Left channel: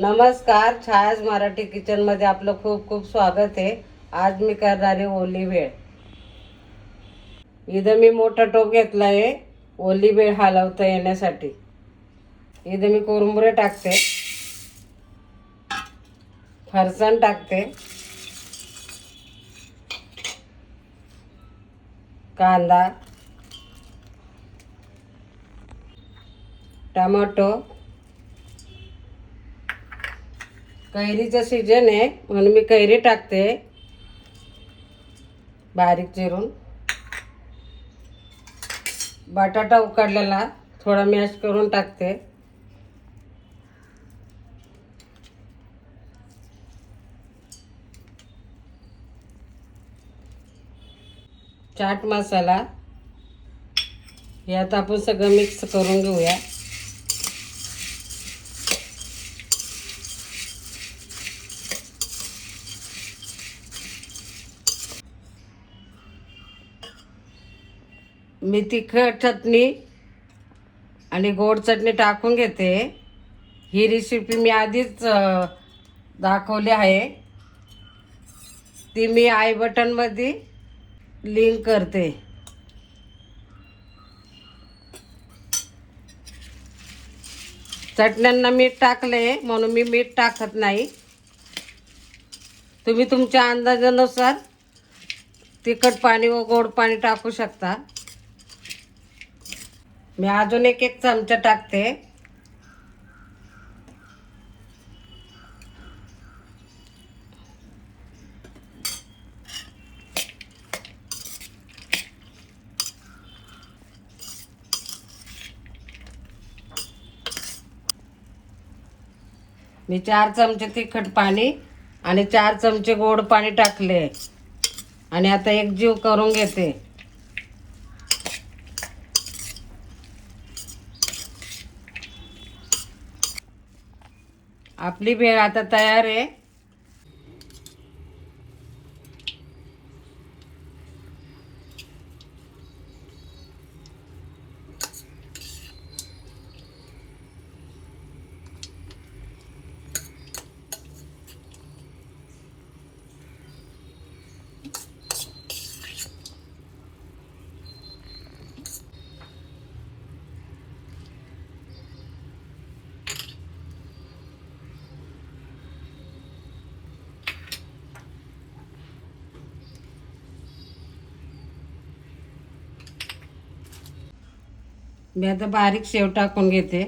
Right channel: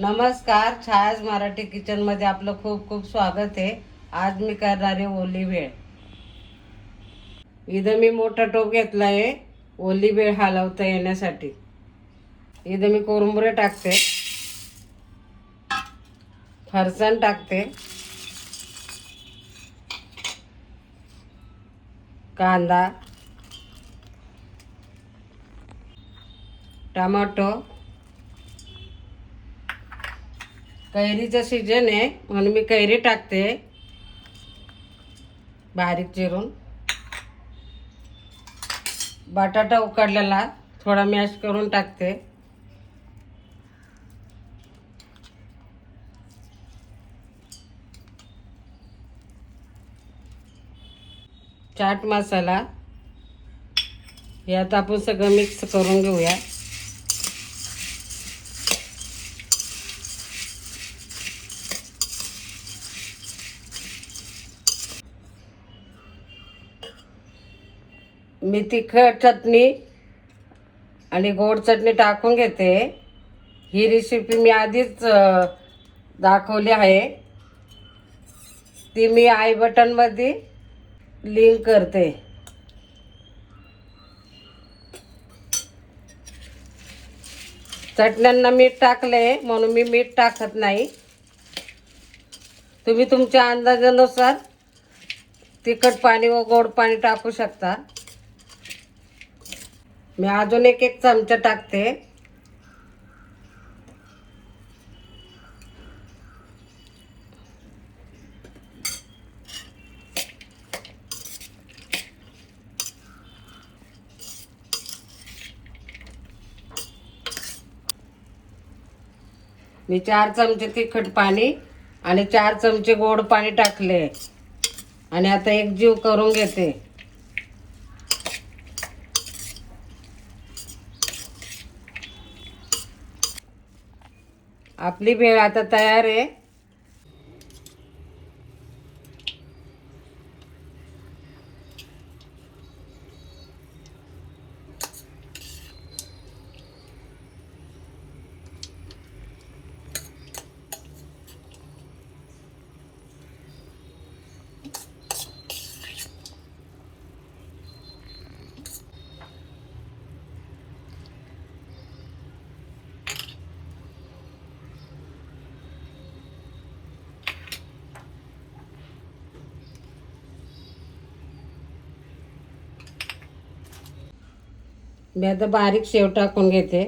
नमस्कार छायाज मराठी किचनमध्ये आपलं खूप खूप स्वागत आहे. आज मी करणार आहे ओली वेळ. इथं मी मोठा टोप घेतला आहे ओली वेळ हलवता येण्यासाठी. इथं मी कोरंबुरे टाकते. फरसाण टाकते. कांदा. टमाटो. कैरीचं सीजन आहे म्हणून मी कैरी टाकते. बारीक चिरून. बटाटा उकडलेला थोडा मॅश करून टाकते. चाट मसाला यात आपण सगळं मिक्स करून घेऊया. मी तिखट चटणी आणि गोड चटणी टाकून घेते. ही रेसिपी मी आधीच दाखवली आहे. ती मी आय बटनमध्ये लिंक करते. चटण्यांना मीठ टाकले म्हणून मी मीठ टाकत नाही. तुम्ही तुमच्या अंदाजानुसार तिखट पाणी व गोड पाणी टाकू शकता. मी अजून एक एक चमचा टाकते. मी चार चमचे तिखट पाणी आणि चार चमचे गोड पाणी टाकले. आणि आता एक जीव करून घेते. आपली भेळ आता तयार आहे. मी आता बारीक शेव टाकून घेते.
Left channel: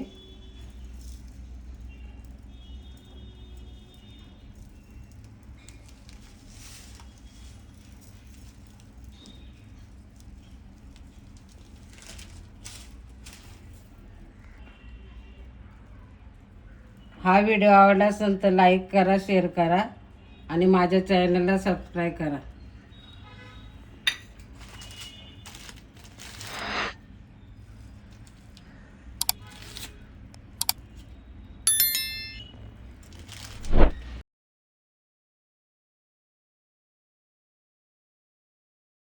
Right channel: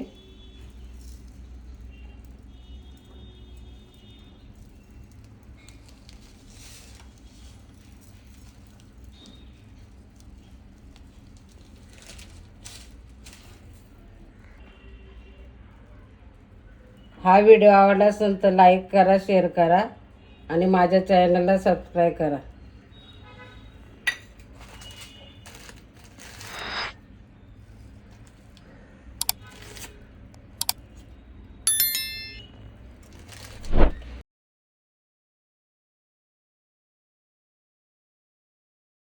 हा व्हिडिओ आवडला असेल तर लाईक करा शेअर करा आणि माझ्या चॅनलला सबस्क्राईब करा.